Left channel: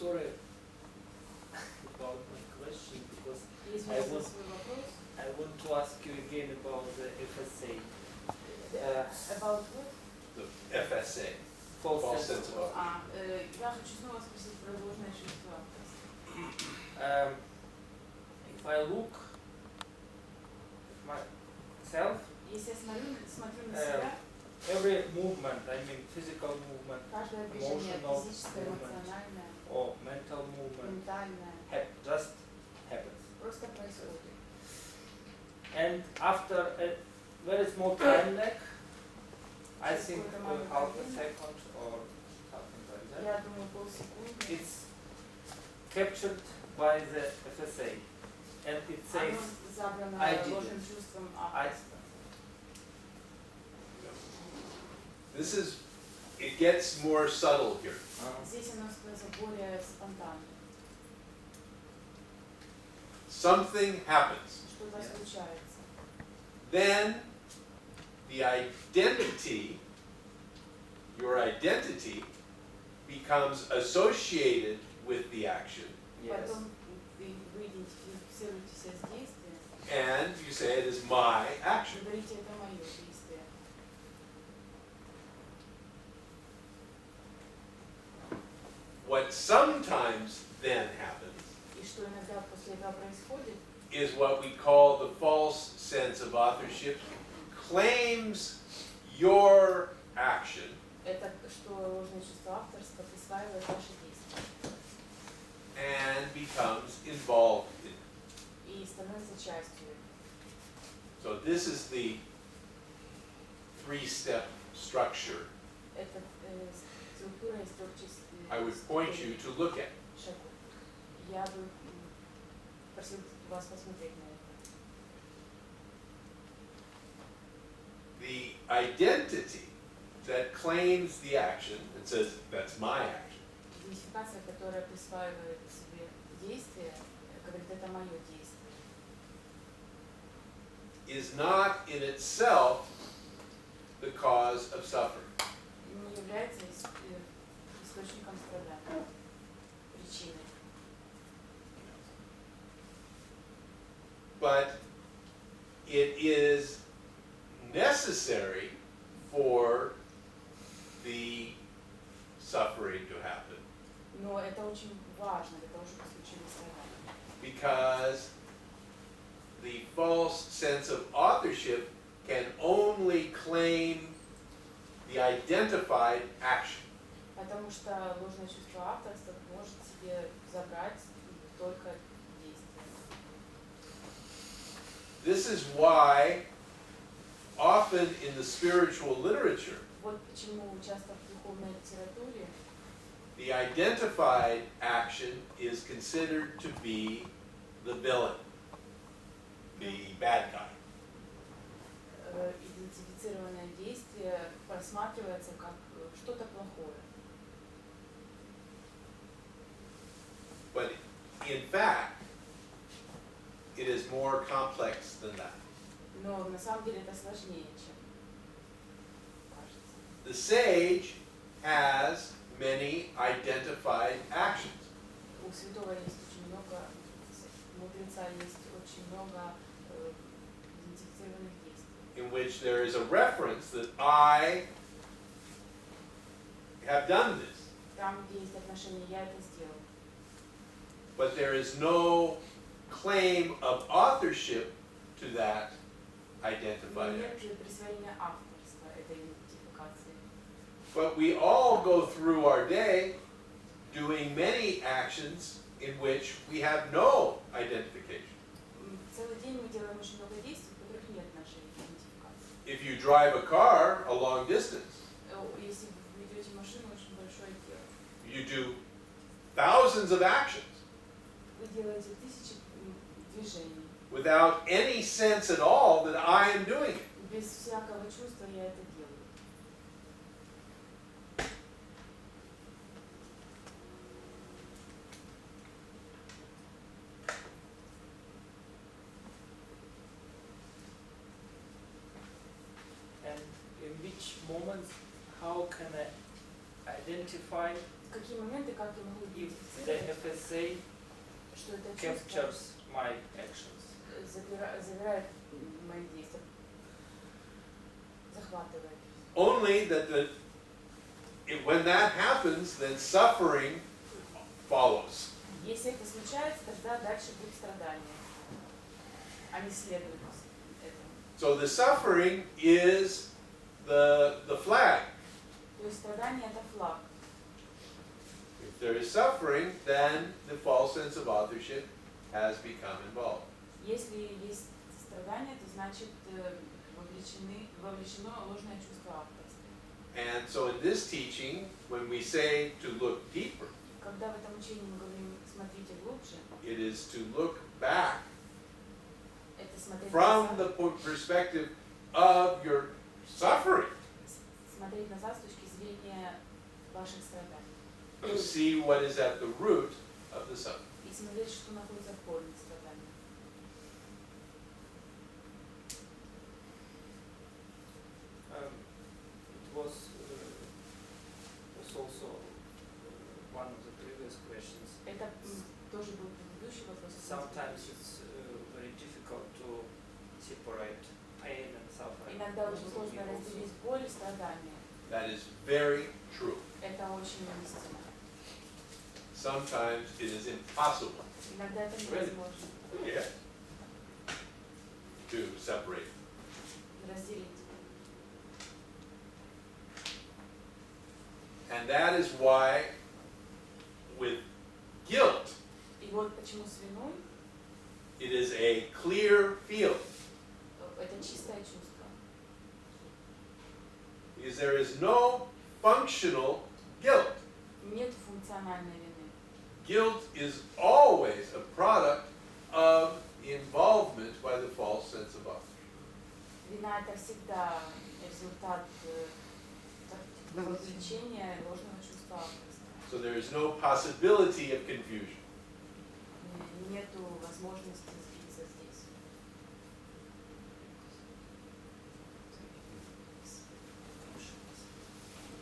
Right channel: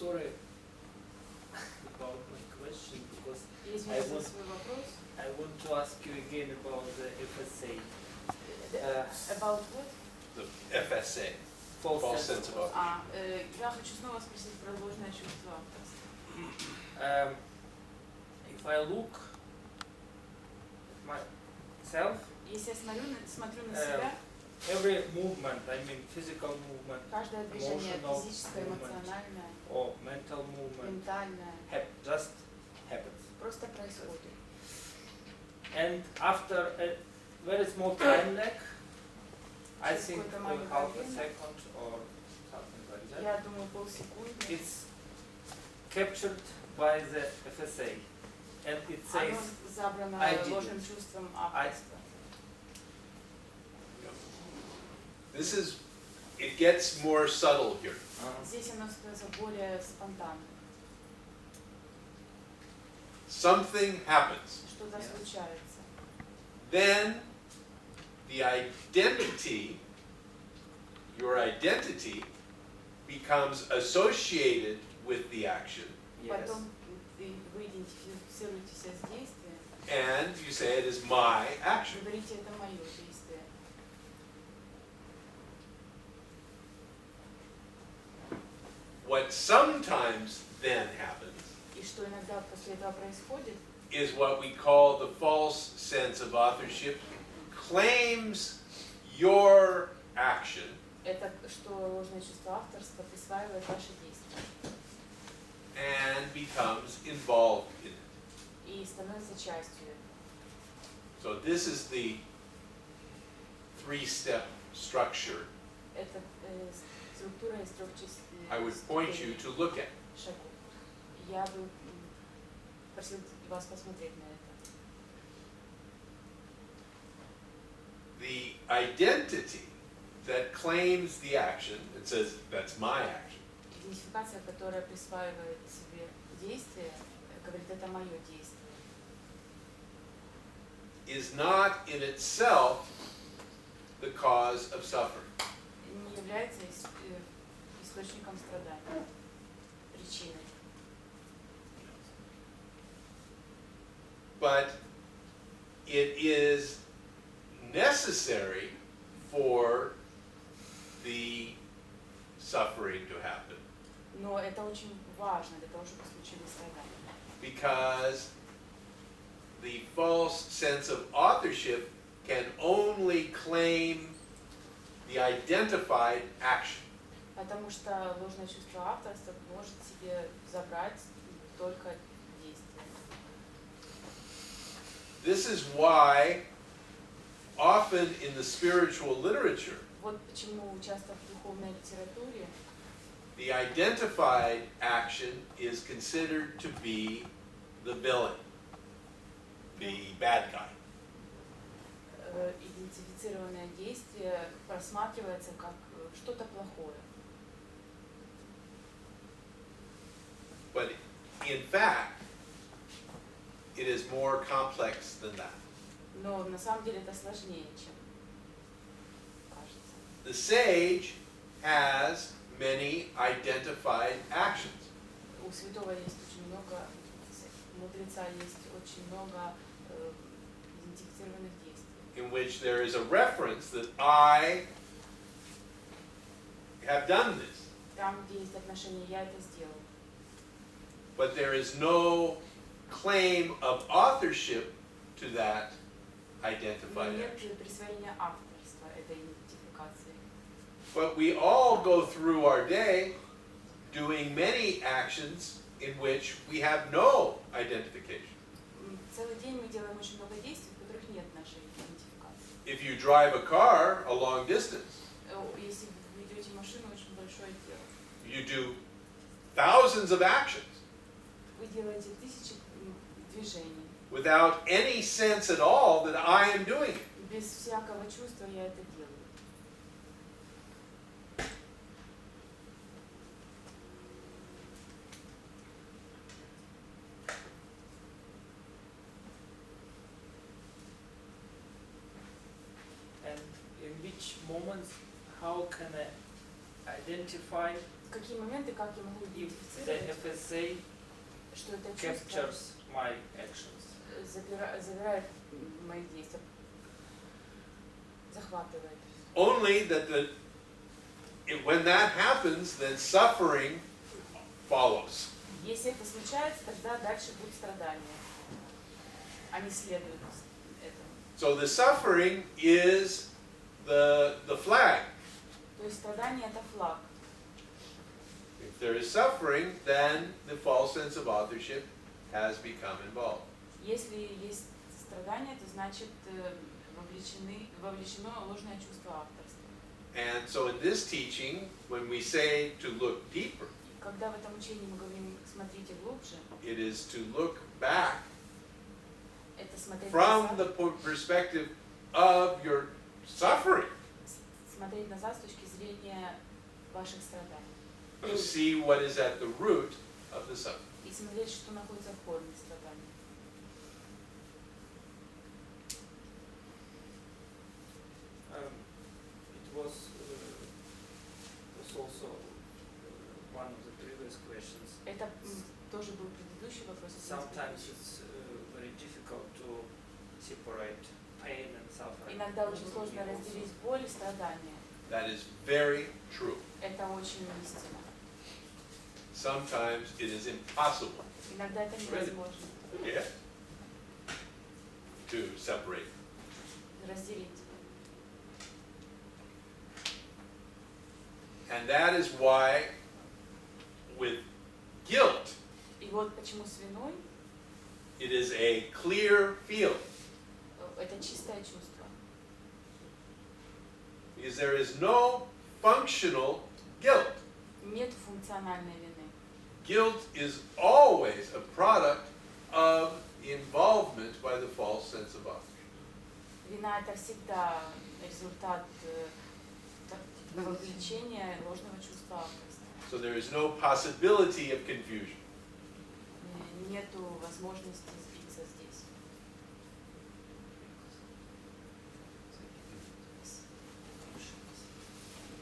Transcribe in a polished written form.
sorry about my question because Извините за свой вопрос. I want to ask you again about the FSA. About what? The FSA. False sense of authorship. Я хочу снова спросить про ложное чувство авторства. If I look at myself, Если я смотрю на себя, every movement, I mean physical movement, каждое движение emotional физическое, movement, эмоциональное, or mental movement, ментальное, just happens. просто происходит. And after a very small time lag, I think half a second or something like that, Я думаю, полсекунды. it's captured by the FSA. And it says, Оно забрано I did ложным it. чувством авторства. This is, it gets more subtle here. Здесь оно становится более спонтанным. Something happens. Что-то случается. Then the identity, your identity, becomes associated with the action, yes, Потом вы идентифицируетесь с действием, and you say it is my action. говорите, это мое действие. What sometimes then happens И что иногда после этого происходит, is what we call the false sense of authorship claims your action это что ложное чувство авторства присваивает ваши действия and becomes involved in it. и становится частью этого. So this is the three-step structure Это структура из трех частей. I would point you to look at. Шагов. Я бы просил вас посмотреть на это. The identity that claims the action, it says that's my action, Идентификация, которая присваивает себе действие, говорит, это мое действие, is not in itself the cause of suffering. не является источником страдания, причиной. But it is necessary for the suffering to happen Но это очень важно для того, чтобы случились страдания. because the false sense of authorship can only claim the identified action. Потому что ложное чувство авторства может себе забрать только действие. This is why often in the spiritual literature Вот почему часто в духовной литературе the identified action is considered to be the villain, the bad guy. Идентифицированное действие просматривается как что-то плохое. But in fact, it is more complex than that. Но на самом деле это сложнее, чем кажется. The sage has many identified actions. У святого есть очень много, у мудреца есть очень много идентифицированных действий, In which there is a reference that I have done this, там, где есть отношение «я это сделал», but there is no claim of authorship to that но identified нет action. присвоения авторства этой идентификации. But we all go through our day doing many actions in which we have no identification. Целый день мы делаем очень много действий, в которых нет нашей идентификации. If you drive a car a long distance, Если вы ведете машину очень большое дело, you do thousands of actions вы делаете тысячи движений. without any sense at all that I am doing it. Без всякого чувства я это делаю. and in which moments, how can identify В какие моменты, как я могу if the идентифицировать, FSA что это чувство captures my actions. забирает мои действия, захватывает. Only that when that happens, then suffering follows. Если это случается, тогда дальше будет страдание. Они следуют этому. So the suffering is the flag. То есть страдание это флаг. If there is suffering, then the false sense of authorship has become involved. Если есть страдание, то значит вовлечено ложное чувство авторства. And so in this teaching, when we say to look deeper, Когда в этом учении мы говорим «смотрите глубже», it is to look back это смотреть from назад, the perspective of your suffering, смотреть назад с точки зрения ваших страданий. to see what is at the root of the suffering. И смотреть, что находится в корне страдания. It was also one of the previous questions. Это тоже был предыдущий вопрос. Sometimes it's very difficult to separate pain and suffering. Иногда очень сложно разделить боль и страдания. That is very true. Это очень истинно. Sometimes it is impossible, Иногда это невозможно yeah, to separate. разделить. And that is why with guilt, И вот почему с виной it is a clear field. Это чистое чувство. Because there is no functional guilt. Нет функциональной вины. Guilt is always a product of involvement by the false sense of authorship. Вина это всегда результат вовлечения ложного чувства авторства. So there is no possibility of confusion. Нету возможности